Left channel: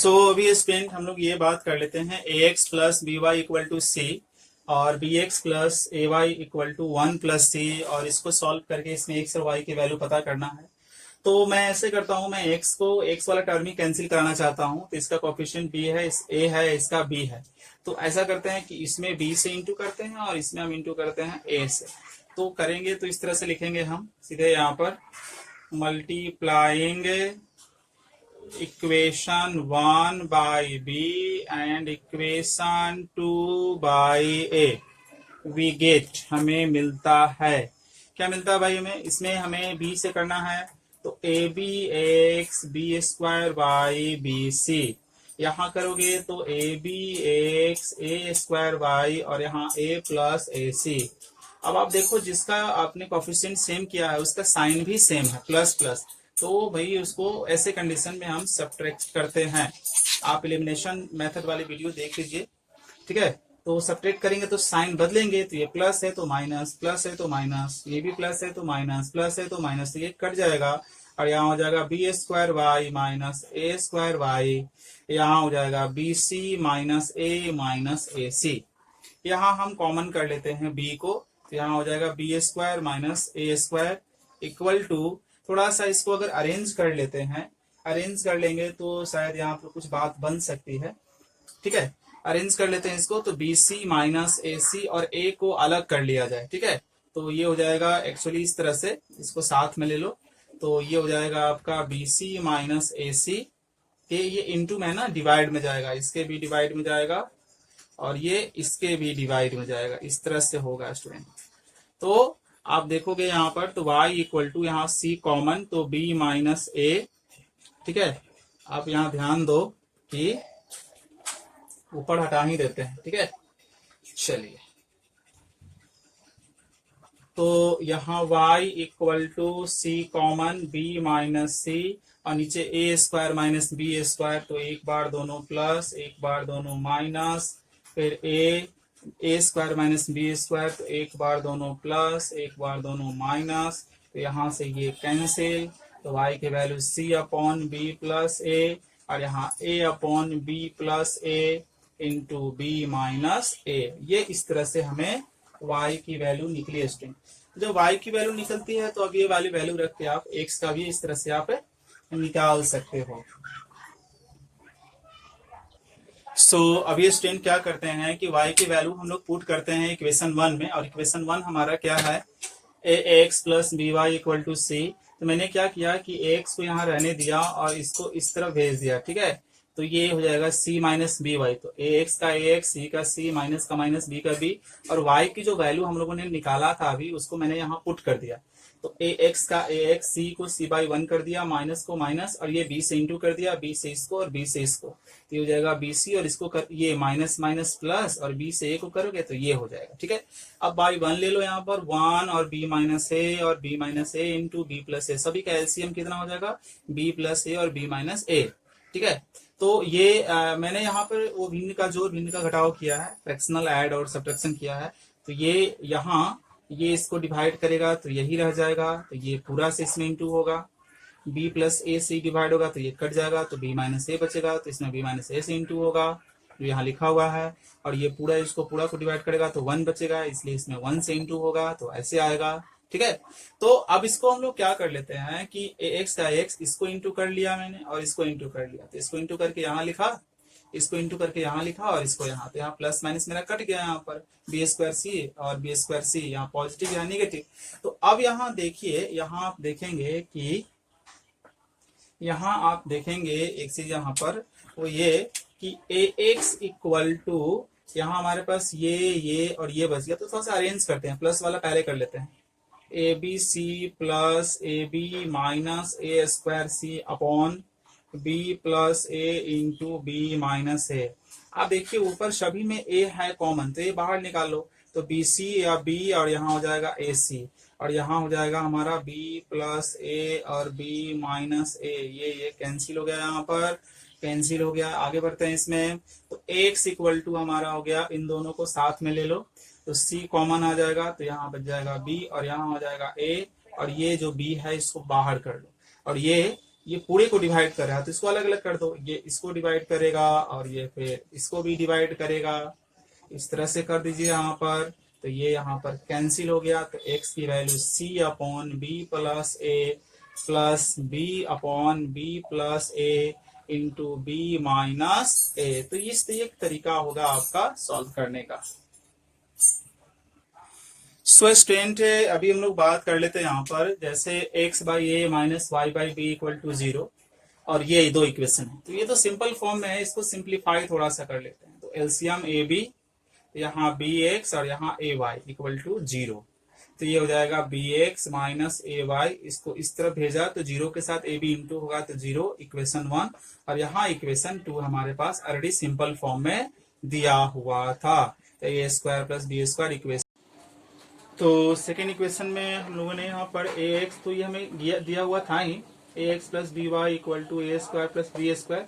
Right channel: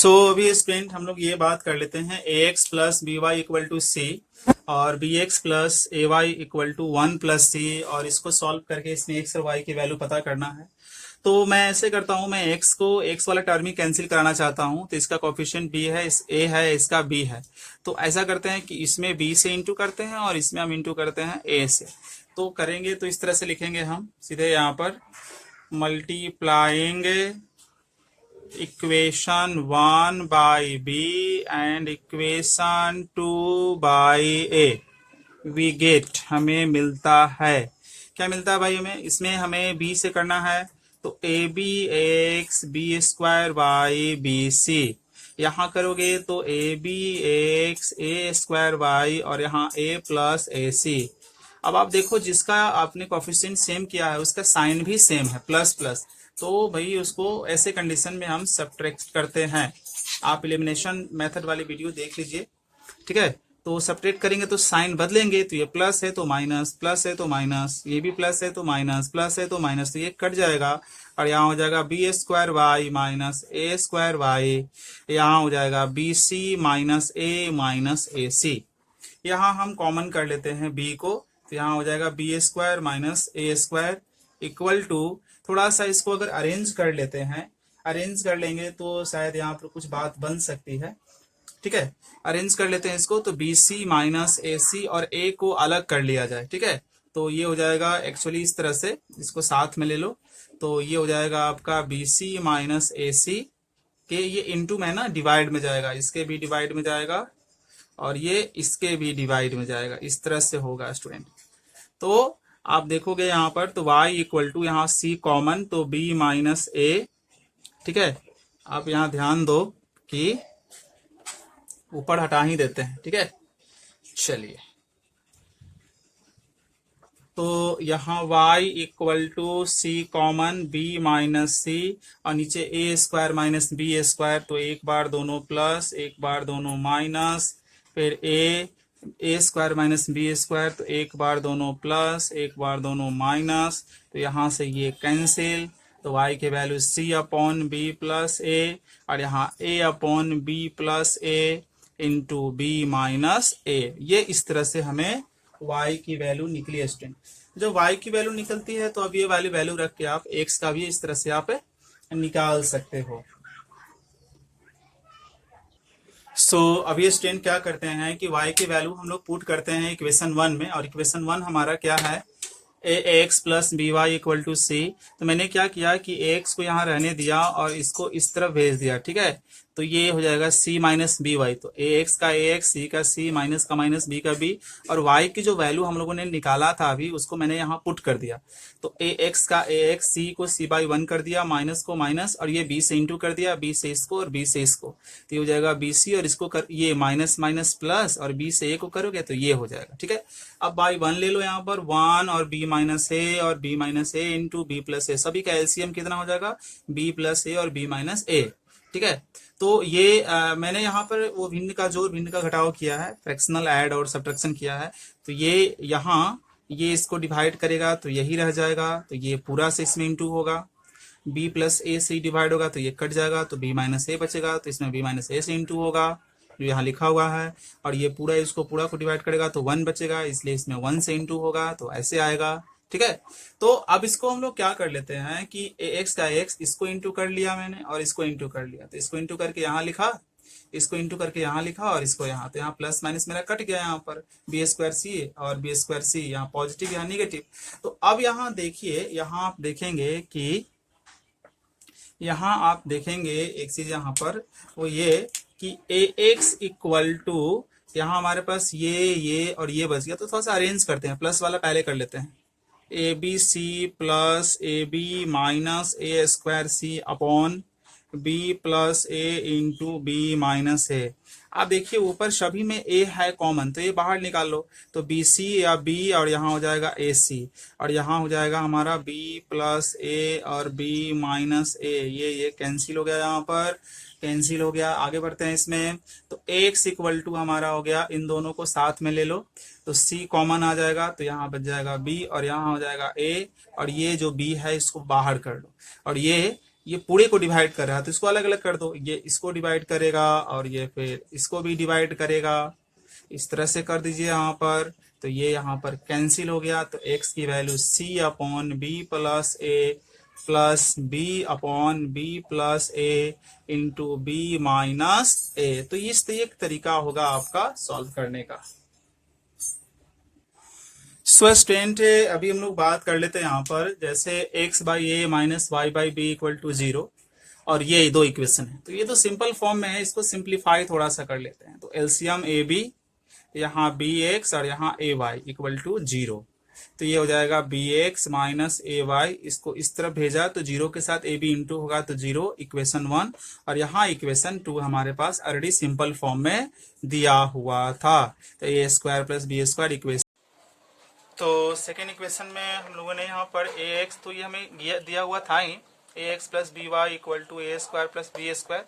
अभी स्टूडेंट हम लोग ये बात कर लेते हैं a x plus b y equal to c और b x plus a Y equal to 1 + c और इसको सॉल्व करके इसमें एक्स और वाई की वैल्यू पता करना है। तो मैं ऐसे करता हूँ, मैं एक्स को एक्स वाला टर्म ही कैंसिल कराना चाहता हूँ, तो इसका कोफिशिएंट बी है, इस ए है, इसका बी है। तो ऐसा करते हैं कि इसमें बी से इंटू करते हैं और इसमें हम इंटू करते हैं ए से। तो करेंगे तो इस तरह से लिखेंगे हम सीधे यहाँ पर multiplying equation 1 by B and equation 2 by A we get, हमें मिलता है, क्या मिलता है भाई हमें, इसमें हमें बी से करना है तो A B X B square by B C, यहाँ करोगे तो A B X A square by और यहाँ ए प्लस ए सी। अब आप देखो जिसका आपने कोफिशिएंट सेम किया है उसका साइन भी सेम है, प्लस प्लस, तो भाई उसको ऐसे कंडीशन में हम सब्ट्रैक्ट करते हैं। आप एलिमिनेशन मेथड वाली वीडियो देख लीजिए, ठीक है। तो सब्ट्रैक्ट करेंगे तो साइन बदलेंगे, तो ये प्लस है तो माइनस, प्लस है तो माइनस, ये भी प्लस है तो माइनस, प्लस है तो माइनस, तो ये कट जाएगा और यहाँ हो जाएगा बी स्क्वायर वाई माइनस ए स्क्वायर वाई, यहाँ हो जाएगा बी सी माइनस ए सी। यहाँ हम कॉमन कर लेते हैं बी को, तो यहाँ हो जाएगा B square minus A square equal to, थोड़ा सा इसको अगर अरेंज कर लेते हैं, अरेंज कर लेंगे तो शायद यहाँ पर कुछ बात बन सकती है, ठीक है। अरेंज कर लेते हैं इसको, तो बी सी माइनस ए सी और ए को अलग कर लिया जाए, ठीक है। तो ये हो जाएगा एक्चुअली इस तरह से, इसको साथ में ले लो, तो ये हो जाएगा आपका बी सी माइनस ए सी के, ये इंटू में ना डिवाइड में जाएगा, इसके भी डिवाइड में जाएगा और ये इसके भी डिवाइड में जाएगा, इस तरह से होगा स्टूडेंट। तो आप देखोगे यहाँ पर तो y इक्वल टू, यहाँ c कॉमन तो b माइनस ए, ठीक है। आप यहाँ ध्यान दो कि ऊपर हटा ही देते हैं, ठीक है। चलिए, तो यहाँ y equal to c common b minus c और नीचे a square minus B square, तो एक बार दोनों प्लस एक बार दोनों माइनस, फिर ए स्क्वायर माइनस बी स्क्वायर, तो एक बार दोनों प्लस एक बार दोनों माइनस, तो यहाँ से ये कैंसिल, तो y के value c upon b plus a और यहाँ a upon b plus a into b minus a. ये इस तरह से हमें y की वैल्यू निकली है स्टूडेंट। जब y की वैल्यू निकलती है तो अब ये वाली वैल्यू रख के आप x का भी इस तरह से आप निकाल सकते हो। अब ये स्टूडेंट क्या करते हैं कि y की वैल्यू हम लोग पुट करते हैं इक्वेशन 1 में, और इक्वेशन 1 हमारा क्या है, a x plus b y equal to c. तो मैंने क्या किया कि एक्स को यहाँ रहने दिया और इसको इस तरफ भेज दिया, ठीक है। तो ये हो जाएगा सी माइनस बी वाई, तो ए एक्स का ए एक्स, सी का सी, माइनस का माइनस, बी का बी, और वाई की जो वैल्यू हम लोगों ने निकाला था अभी उसको मैंने यहाँ पुट कर दिया। तो ए एक्स का ए एक्स, सी को सी बाई 1 कर दिया, माइनस को माइनस, और ये बी से इंटू कर दिया, बी से इसको और बी से इसको, तो ये हो जाएगा बी सी और इसको कर, ये माइनस माइनस प्लस और बी से ए को करोगे तो ये हो जाएगा, ठीक है। अब बाई 1 ले लो, यहाँ पर 1 और बी माइनस ए और B minus A into B plus ए, सभी का एलसीएम कितना हो जाएगा, बी प्लस ए और बी माइनस ए, ठीक है। तो ये मैंने यहाँ पर वो भिन्न का जोड़ भिन्न का घटाव किया है, फ्रैक्शनल ऐड और सब्ट्रैक्शन किया है। तो ये यहाँ ये इसको डिवाइड करेगा तो यही रह जाएगा, तो ये पूरा से इसमें इंटू होगा, b प्लस ए से डिवाइड होगा तो ये कट जाएगा, तो b माइनस ए बचेगा, तो इसमें b माइनस ए से इंटू होगा जो यहाँ लिखा हुआ है, और ये पूरा इसको पूरा को डिवाइड करेगा तो 1 बचेगा, इसलिए इसमें 1 से इंटू होगा, तो ऐसे आएगा, ठीक है। तो अब इसको हम लोग क्या कर लेते हैं कि एक्स का एक्स, इसको इंटू कर लिया मैंने और इसको इंटू कर लिया, तो इसको इंटू करके यहाँ लिखा, इसको इंटू करके यहाँ लिखा और इसको यहाँ, तो यहाँ प्लस माइनस मेरा कट गया, यहाँ पर बी स्क्वायर सी और बी स्क्वायर सी, यहाँ पॉजिटिव यहाँ निगेटिव। तो अब यहाँ देखिए, यहाँ आप देखेंगे कि यहाँ आप देखेंगे एक चीज यहाँ पर वो ये कि ए एक्स इक्वल टू, यहाँ हमारे पास ये और ये बच गया, तो थोड़ा सा अरेंज करते हैं, प्लस वाला पहले कर लेते हैं, a b c plus a b minus A square c upon b plus a into b minus a. अब देखिए ऊपर सभी में ए है कॉमन, तो ये बाहर निकाल लो, तो बी सी या बी और यहाँ हो जाएगा ए सी, और यहाँ हो जाएगा हमारा बी प्लस ए और बी माइनस ए, ये कैंसिल हो गया, यहाँ पर कैंसिल हो गया। आगे बढ़ते हैं इसमें, तो एक्स इक्वल टू हमारा हो गया, इन दोनों को साथ में ले लो, तो सी कॉमन आ जाएगा, तो यहाँ बच जाएगा बी और यहाँ हो जाएगा ए, और ये जो बी है इसको बाहर कर लो, और ये ये पूरे को डिवाइड कर रहा है तो इसको अलग अलग कर दो, ये इसको डिवाइड करेगा और ये फिर इसको भी डिवाइड करेगा, इस तरह से कर दीजिए यहाँ पर। तो ये यहाँ पर कैंसिल हो गया, तो x की value c upon b plus b upon b plus a into b minus a. तो इस एक तरीका होगा आपका सॉल्व करने का। सो स्टूडेंट अभी हम लोग बात कर लेते हैं यहाँ पर, जैसे x by A minus Y by B equal to 0 और ये दो इक्वेशन है, तो ये तो सिंपल फॉर्म में है, इसको सिंप्लीफाई थोड़ा सा कर लेते हैं। तो एलसीएम ए बी, यहाँ बी एक्स और यहाँ ए वाई इक्वल टू 0, तो ये हो जाएगा B X minus A Y, इसको इस तरफ भेजा तो 0 के साथ ए बी इंटू होगा तो 0 इक्वेशन 1, और यहाँ इक्वेशन 2 हमारे पास ऑलरेडी सिंपल फॉर्म में दिया हुआ था, तो a square plus b square equation. तो सेकेंड इक्वेशन में हम लोगों ने यहाँ पर ए एक्स, तो ये हमें दिया हुआ था ही, a x plus b y equal to a square plus b square.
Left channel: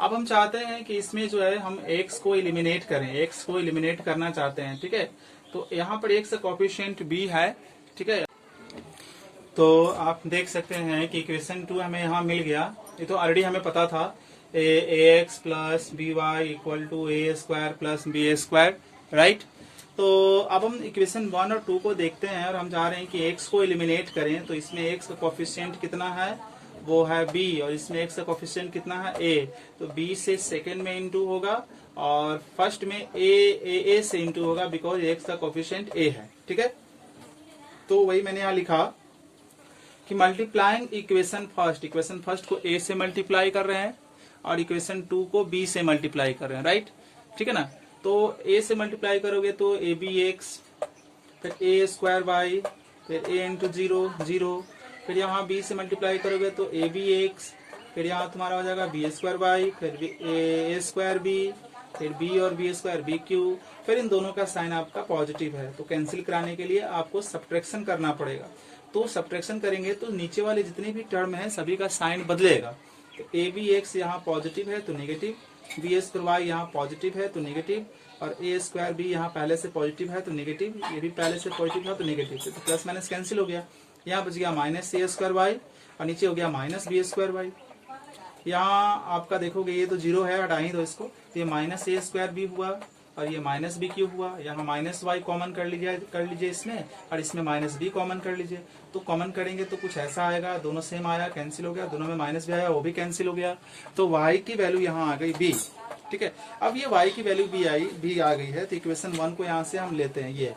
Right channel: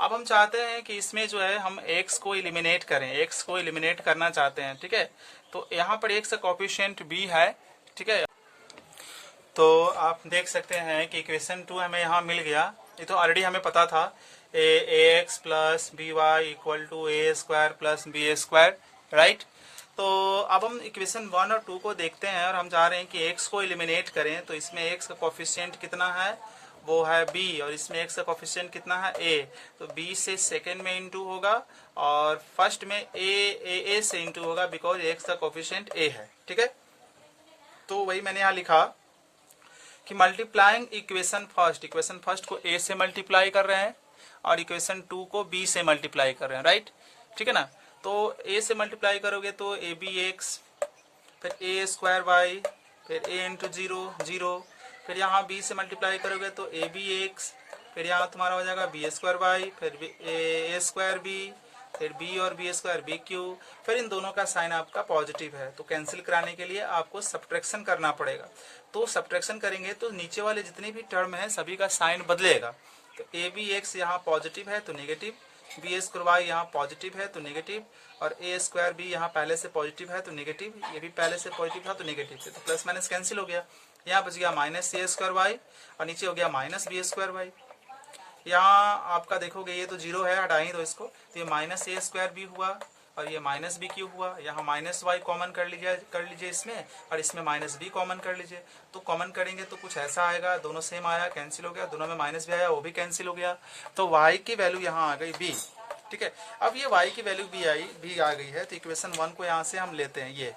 अब हम चाहते हैं कि इसमें जो है हम x को एलिमिनेट करें, x को एलिमिनेट करना चाहते हैं, ठीक है। तो यहाँ पर x का कोफिशिएंट b है, ठीक है। तो आप देख सकते हैं कि इक्वेशन 2 हमें यहाँ मिल गया, ये तो ऑलरेडी हमें पता था, a x plus b y equal to a square plus b square, right. तो अब हम इक्वेशन 1 और 2 को देखते हैं और हम चाह रहे हैं कि x को एलिमिनेट करें, तो इसमें x का कोफिशिएंट कितना है, वो है b, और इसमें x का कोफिशिएंट कितना है a, तो b से सेकंड में इंटू होगा और फर्स्ट में a से इंटू होगा, बिकॉज x का कोफिशिएंट a है, ठीक है। तो वही मैंने यहाँ लिखा कि मल्टीप्लाइंग इक्वेशन फर्स्ट को a से मल्टीप्लाई कर रहे हैं और इक्वेशन 2 को b से मल्टीप्लाई कर रहे हैं, राइट, ठीक है ना। तो a से मल्टीप्लाई करोगे तो ए बी एक्स, फिर ए स्क्वायर वाई, फिर a इंटू 0, फिर यहाँ b से मल्टीप्लाई करोगे तो ए बी एक्स, फिर यहाँ तुम्हारा हो जाएगा बी स्क्वायर वाई, फिर ए स्क्वायर बी, फिर b और बी स्क्वायर बी क्यू, फिर इन दोनों का साइन आपका पॉजिटिव है, तो कैंसिल कराने के लिए आपको सब्ट्रैक्शन करना पड़ेगा। तो सब्ट्रैक्शन करेंगे तो नीचे वाले जितने भी टर्म है सभी का साइन बदलेगा। तो ए बी एक्स यहाँ पॉजिटिव है तो नेगेटिव, बी स्क्वायर वाई यहाँ पॉजिटिव है तो नेगेटिव, और ए स्क्वायर बी यहाँ पहले से पॉजिटिव है तो नेगेटिव, ये भी पहले से पॉजिटिव था तो नेगेटिव, तो प्लस माइनस कैंसिल हो गया, यहाँ बच गया माइनस ए स्क्वायर वाई और नीचे हो गया माइनस बी स्क्वायर वाई। यहाँ आपका देखोगे ये तो 0 है, हटाएंगे तो इसको, तो ये माइनस ए स्क्वायर बी हुआ और ये माइनस बी क्यूब हुआ, यहाँ माइनस वाई कॉमन कर लीजिए इसमें, और इसमें माइनस बी कॉमन कर लीजिए, तो कॉमन करेंगे तो कुछ ऐसा आएगा, दोनों सेम आया, कैंसिल हो गया, दोनों में माइनस भी आया, वो भी कैंसिल हो गया, तो y की वैल्यू यहाँ आ गई b, ठीक है। अब ये y की वैल्यू b आ गई है, तो इक्वेशन 1 को यहाँ से हम लेते हैं, ये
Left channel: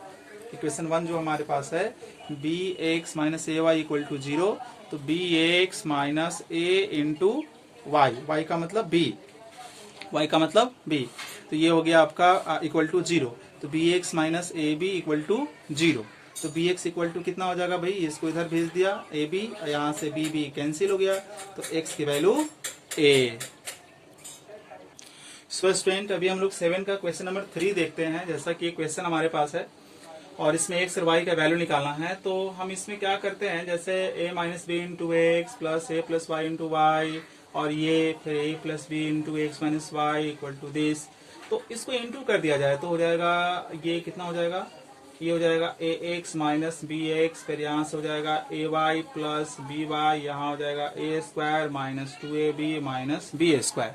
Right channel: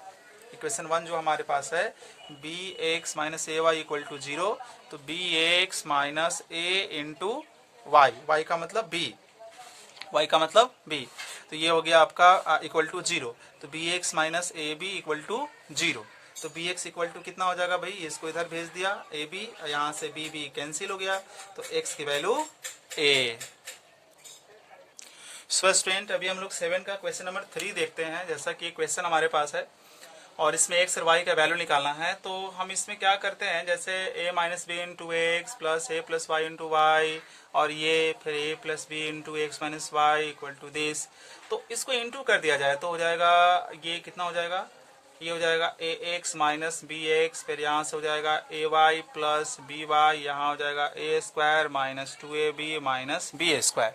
इक्वेशन 1 जो हमारे पास है B X minus A Y equal to 0, तो B X minus A into Y का मतलब b, y का मतलब b, तो ये हो गया आपका इक्वल टू 0, तो B X minus A B equal to 0, तो बी एक्स इक्वल टू कितना हो जाएगा भाई, इसको इधर भेज दिया ए बी, यहाँ से बी कैंसिल हो गया, तो x की वैल्यू a। सो स्टूडेंट अभी हम लोग 7 का क्वेश्चन नंबर 3 देखते हैं। जैसा कि क्वेश्चन हमारे पास है और इसमें x और y का वैल्यू निकालना है, तो हम इसमें क्या करते हैं, जैसे a minus B into x plus A plus Y into Y, और ये फिर a plus B into X minus Y equal to this, तो इसको इंटू कर दिया जाए तो हो जाएगा, ये कितना हो जाएगा, ये हो जाएगा a x minus b x, फिर यहाँ से हो जाएगा a y plus b y, यहाँ हो जाएगा a square minus 2ab minus B square,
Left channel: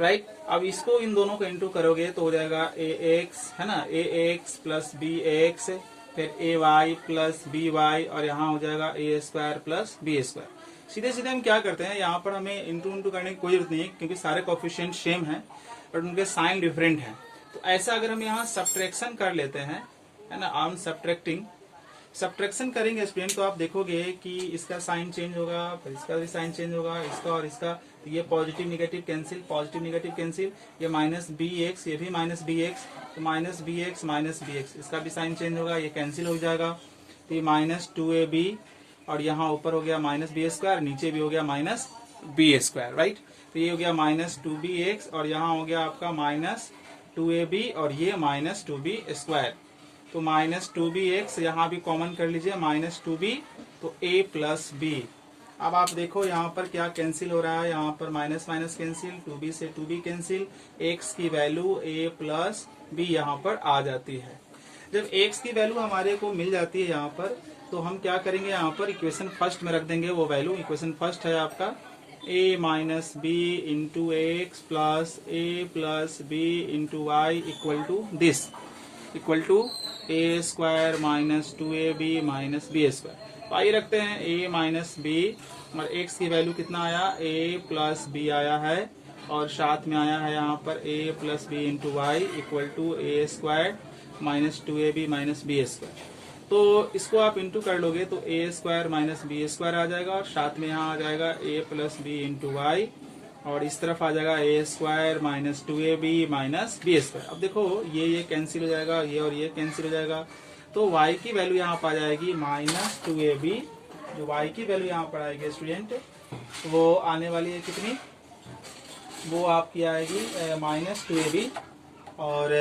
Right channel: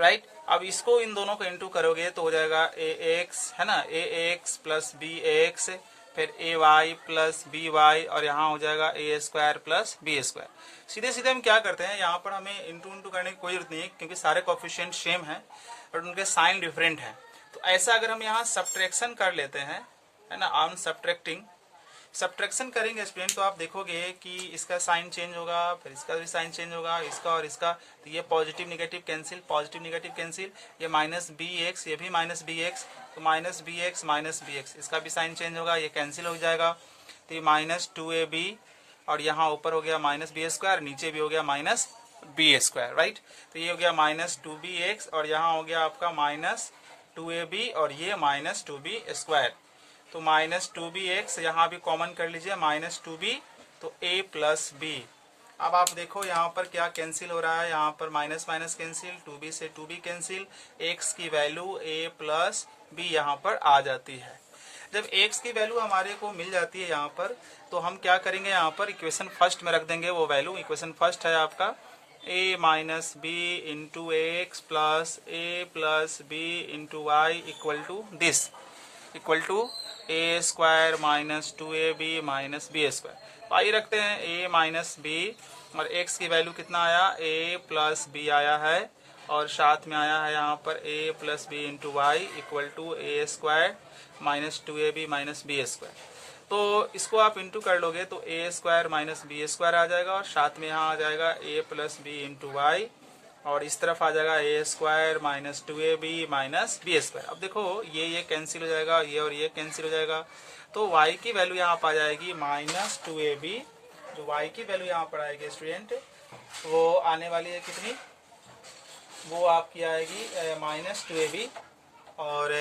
right. अब इसको इन दोनों को इंटू करोगे तो हो जाएगा ए एक्स, है ना, ए एक्स प्लस बी एक्स, फिर ए वाई प्लस बी वाई, और यहाँ हो जाएगा a square plus b square. सीधे सीधे हम क्या करते हैं, यहाँ पर हमें इंटू करने की कोई जरूरत नहीं है, क्योंकि सारे कोफिशिएंट सेम है और उनके साइन डिफरेंट है। तो ऐसा अगर हम यहाँ सब्ट्रैक्शन कर लेते हैं, है ना, आम सब्ट्रैक्शन करेंगे स्टूडेंट, तो आप देखोगे कि इसका साइन चेंज होगा, फिर इसका भी साइन चेंज होगा, इसका और इसका, तो ये पॉजिटिव निगेटिव कैंसिल, ये माइनस बी एक्स, ये भी माइनस बी एक्स, तो माइनस बी एक्स, इसका भी साइन चेंज होगा, ये कैंसिल हो जाएगा, तो ये माइनस 2ab, और यहाँ ऊपर हो गया माइनस बी स्क्वायर, नीचे भी हो गया माइनस बी स्क्वायर, राइट। तो ये हो गया माइनस 2bx, और यहाँ हो गया आपका माइनस 2ab, और ये माइनस 2b स्क्वायर, तो माइनस 2bx यहाँ भी कॉमन कर लीजिए, माइनस 2b, तो a प्लस b। अब आप देखो यहाँ पर क्या कैंसिल हो रहा है, यहाँ पर माइनस माइनस कैंसिल, 2b से 2b कैंसिल, x की वैल्यू a प्लस b यहाँ पर आ जाती है। जब x की वैल्यू हमारे को मिल जाती है यहाँ पर, तो हम क्या करेंगे, यहाँ पर इक्वेशन फर्स्ट में रख देंगे वो वैल्यू, इक्वेशन फर्स्ट है आपका a minus B into x plus A plus B into y equal to this, equal to a square minus 2ab minus B square. पाई रखते हैं a माइनस बी, और x की वैल्यू कितना आया, a plus B आया है, और साथ में आया है यहाँ पर a plus B into y equal to a square minus 2ab minus B square. तो इसको आप इंटू कर लोगे तो a square minus B square आ जाएगा, और साथ में यहाँ आ जाएगा a plus B into Y, और इस तरफ आ जाएगा a square minus 2ab minus B square. अब देखो ये कैंसिल हो जाएगा, ये और ये कैंसिल हो जाएगा, तो y की वैल्यू यहाँ पर आ जाएगी माइनस 2ab। जो y की वैल्यू यहाँ पर आएगी स्टूडेंट, वो आने वाली है कितनी, वो आपकी आएगी माइनस 2ab, और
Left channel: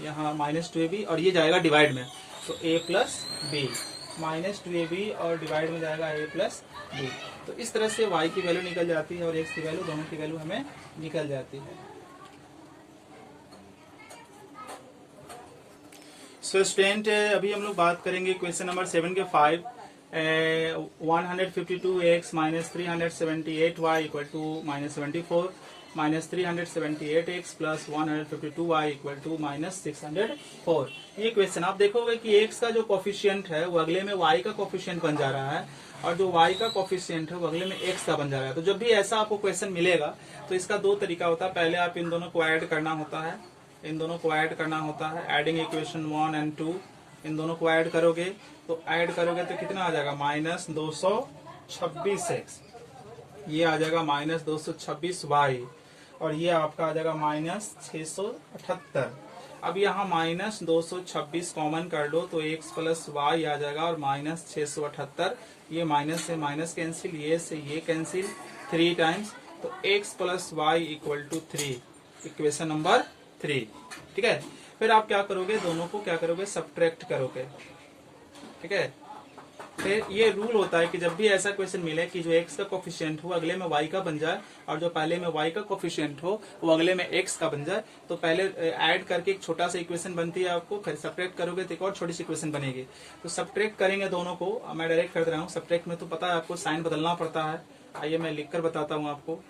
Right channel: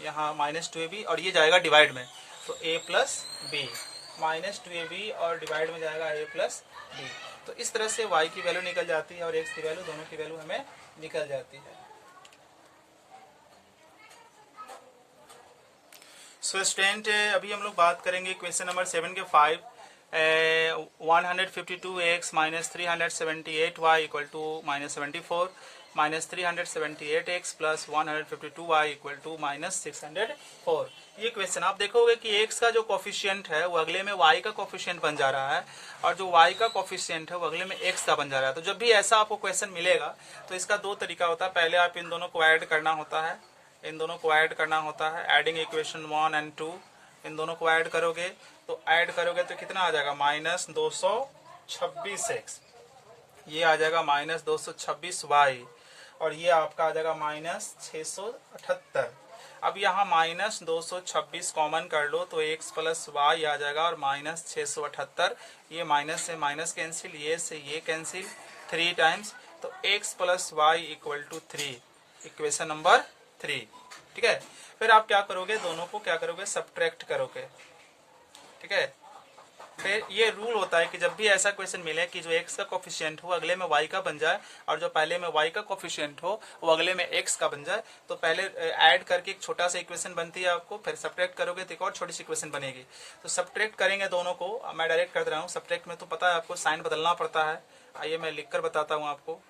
यहाँ माइनस 2ab, और ये जाएगा डिवाइड में, तो a plus B minus 2ab, और डिवाइड में जाएगा a प्लस बी। तो इस तरह से y की वैल्यू निकल जाती है और x की वैल्यू, दोनों की वैल्यू हमें निकल जाती है। सो स्टूडेंट अभी हम लोग बात करेंगे क्वेश्चन नंबर 7 के 5। 152x minus 378y equal to minus 74 minus 378x plus 152y equal to minus 604। ये क्वेश्चन आप देखोगे कि x का जो कोफिशिएंट है वो अगले में y का कोफिशिएंट बन जा रहा है, और जो y का कोफिशिएंट है वो अगले में x का बन जा रहा है। तो जब भी ऐसा आपको क्वेश्चन मिलेगा तो इसका दो तरीका होता है। पहले आप इन दोनों को ऐड करना होता है, इन दोनों को ऐड करना होता है, एडिंग इक्वेशन 1 एंड 2, इन दोनों को ऐड करोगे तो कितना आ जाएगा, माइनस 226x, ये आ जाएगा माइनस 226y, और ये आपका आ जाएगा माइनस 678। अब यहाँ माइनस 226 कॉमन कर लो तो x प्लस वाई आ जाएगा, और माइनस 678, ये माइनस से माइनस कैंसिल, ये से ये कैंसिल 3 टाइम्स, तो x plus Y equal to 3, equation number 3। ठीक है, फिर आप क्या करोगे, दोनों को क्या करोगे, सब्ट्रैक्ट करोगे। ठीक है, फिर ये रूल होता है कि जब भी ऐसा क्वेश्चन मिले कि जो x का कोफिशिएंट हो अगले में y का बन जाए, और जो पहले में y का कोफिशिएंट हो वो अगले में x का बन जाए, तो पहले ऐड करके एक छोटा सा इक्वेशन बनती है आपको, फिर सब्ट्रैक्ट करोगे तो एक और छोटी सी इक्वेशन बनेगी। तो सब्ट्रैक्ट करेंगे दोनों को, मैं डायरेक्ट कर रहा हूँ। सब्ट्रैक्ट में तो पता है आपको साइन बदलना पड़ता है, आइए मैं लिख कर बताता हूँ आपको।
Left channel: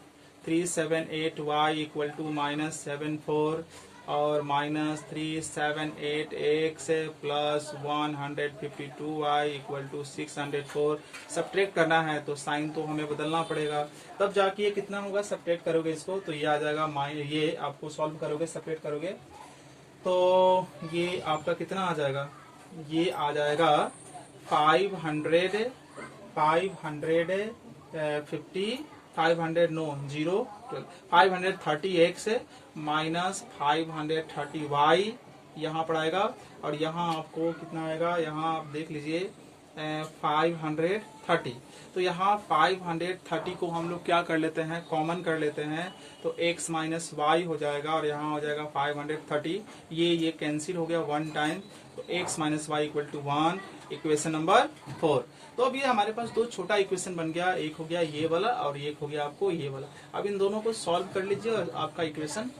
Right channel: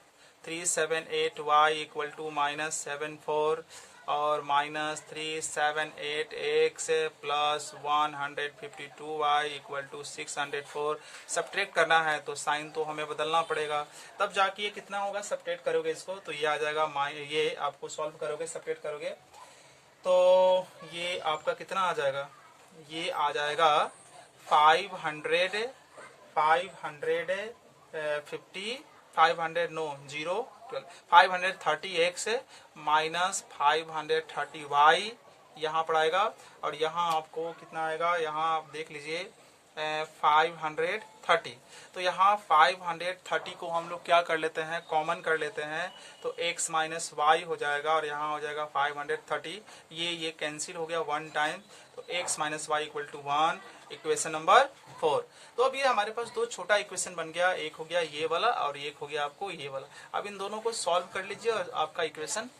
378y इक्वल टू माइनस 74 और minus 378x plus 152y equal to 604। Subtract करना है तो साइन तो हमें बदलना पड़ेगा, तब जाके ये कितना होगा, सब्ट्रैक्ट करोगे इसको तो ये आ जाएगा, ये आपको सॉल्व करोगे, सब्ट्रैक्ट करोगे तो ये आपका कितना आ जाएगा, ये आ जाएगा 530x माइनस 530y यहाँ पर आएगा, और यहाँ आपको कितना आएगा, यहाँ आप देख लीजिए 530। तो यहाँ 530 को हम लोग क्या कर लेते हैं, कॉमन कर लेते हैं, तो x माइनस वाई हो जाएगा, और यहाँ हो जाएगा 530, ये कैंसिल हो गया 1 टाइम, तो x minus Y equal to 1, equation number 4। तो अब ये हमारे पास दो छोटा इक्वेशन बन गया, एक हो गया ये वाला और एक हो गया आपको ये वाला। अब इन दोनों को सॉल्व कर लीजिए और आपका इक्वेशन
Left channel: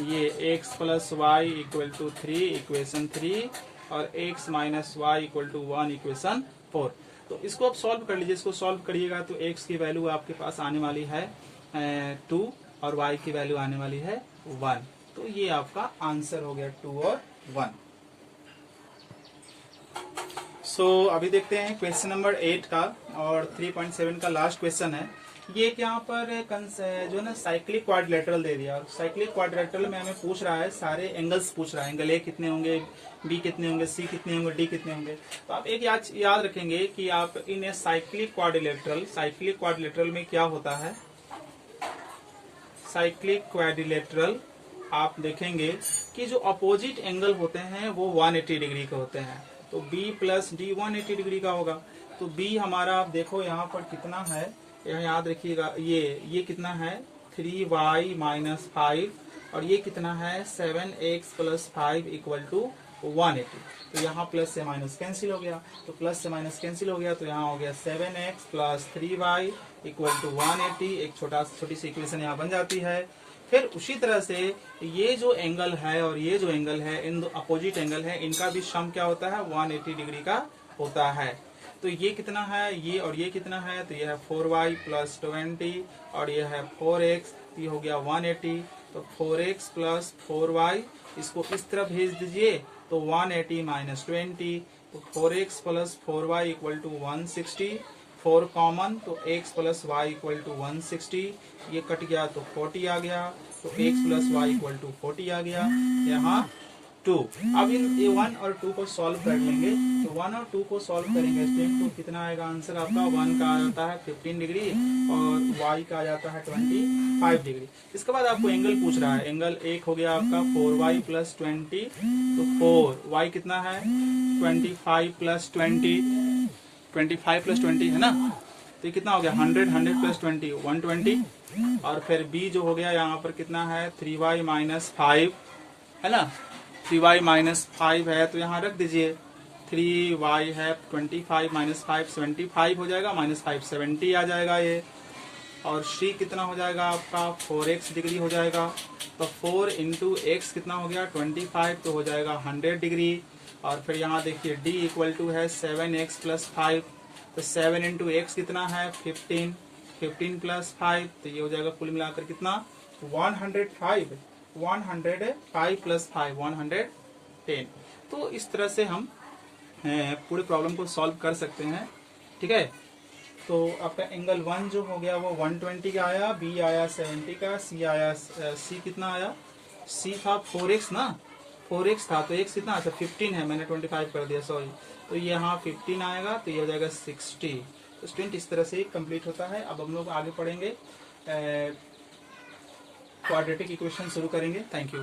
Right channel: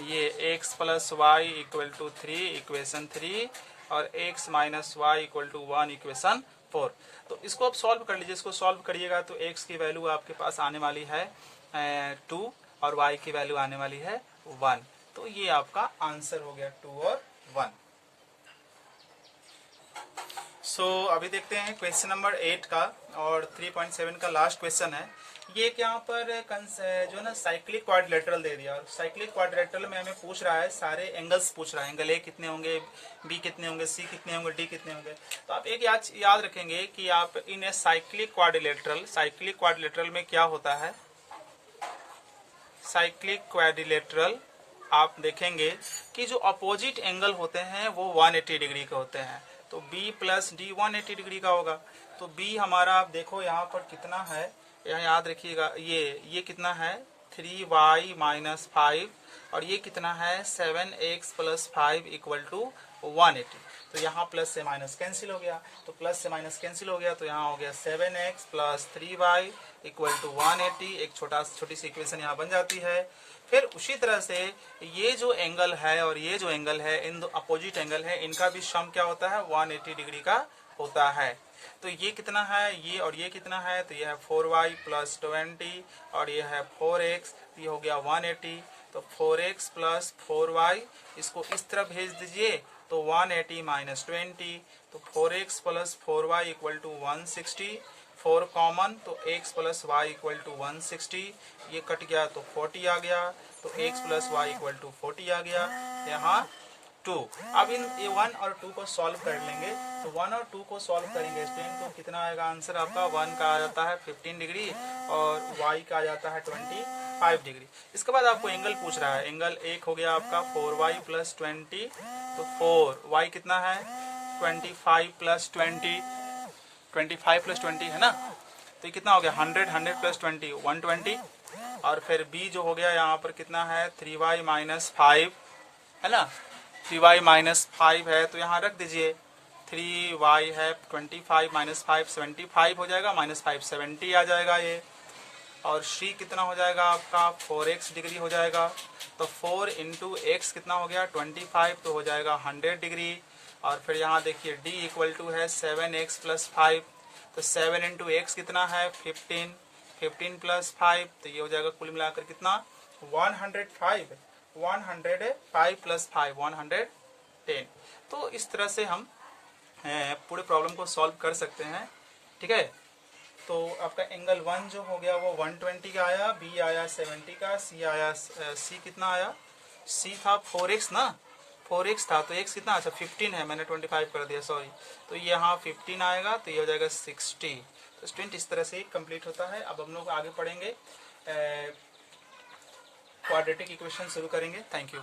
ये x plus Y equal to 3, equation 3, और x minus Y equal to 1, equation 4। तो इसको आप सॉल्व कर लीजिए, इसको सॉल्व करिएगा तो x की वैल्यू आपके पास आने वाली है 2 और y की वैल्यू आने वाली है 1। तो ये आपका आंसर हो गया 2 और 1। अभी देखते हैं क्वेश्चन नंबर 8 का, और 3.7 का लास्ट क्वेश्चन है। ये यहाँ पर जो ना साइक्लिक क्वाड्रिलेटरल दे दिया, और साइक्लिक क्वाड्रिलेटरल में हमें पूछ रहा है, सारे एंगल्स पूछ रहा है, एंगल ए कितने होंगे, बी कितने होंगे, सी कितने होंगे, डी कितने होंगे। तो आप एक याद रखेंगे कि आप इन साइक्लिक क्वाड्रिलेटरल में क्या होता है, साइक्लिक क्वाड्रिलेटरल आप देखेंगे कि जो अपोजिट एंगल होते हैं वो 180 डिग्री के होते हैं। तो B प्लस डी 180 डिग्री का होगा। तो B हमारा आप देखो यहाँ पर कितना है, यहाँ याद रखिएगा, ये कितना है 3y माइनस 5, और ये कितना है 7x प्लस 5 इक्वल टू 180। तो यहाँ प्लस से माइनस कैंसिल हो गया, तो प्लस से माइनस कैंसिल हो गया, तो यहाँ हो गया 7x plus 3y equal to 180। एक छोटी सी इक्वेशन यहाँ बन जाती है। फिर उसी तरह से ये जो एंगल है और ये जो एंगल है, इन दो अपोजिट एंगल है, इनका भी सम क्या होता है 180 डिग्री का होता है। तो ये कितना है, ये और ये कितना है, तो ये है 4y प्लस 20 और ये है 4x, ये हो गया 180। तो 4x प्लस 4y इसको इस तरफ भेज दीजिए तो 180 माइनस 20, तो 4x plus 4y equal to 160, 4 common तो x plus y equal to 160, ये कट गया तो 40 आ गया, तो x plus y equal to 40 आ गया, यहाँ 2। अब इन 1 और 2 को सॉल्व कर लेंगे, तो 1 और 2 को सॉल्व करेंगे स्टूडेंट, तो कितना आएगा आंसर आपका, 1 का आ जाता है 15 डिग्री और y का आ जाता है 25 डिग्री। इसके बाद आपको एंगल पूछ रहा है, एंगल एक हो गया आपका 4y प्लस 20, तो 4y कितना है 25 प्लस 20, 25 प्लस 20 है ना, तो ये कितना हो गया 100, 100 प्लस 20 120, और फिर b जो हो गया यहाँ पर कितना है 3y माइनस 5 है ना, 3y माइनस 5 है तो यहाँ रख दीजिए, 3y है 25 माइनस 5 75 हो जाएगा, माइनस 5 70 आ जाएगा ये, और c कितना हो जाएगा आपका 4x डिग्री हो जाएगा, तो 4 इंटू एक्स कितना हो गया 25, तो हो जाएगा 100 डिग्री, और फिर यहाँ देखिए d इक्वल टू है 7x प्लस 5, तो 7 इंटू एक्स कितना है 15, 15 प्लस 5, तो ये हो जाएगा कुल मिलाकर कितना 105, 105 प्लस 5 110। तो इस तरह से हम पूरे प्रॉब्लम को सॉल्व कर सकते हैं, ठीक है। तो आपका एंगल 1 जो हो गया वो 120 का आया, b आया 70 का, c आया c कितना आया, c था 4x ना, 4x था तो x कितना, अच्छा 15 है, मैंने 25 कर दिया सॉरी, तो यहाँ 15 आएगा, तो ये हो जाएगा 60। तो स्टूडेंट इस तरह से कंप्लीट होता है। अब हम लोग आगे पढ़ेंगे, क्वाड्रेटिक इक्वेशन शुरू करेंगे। Thank you.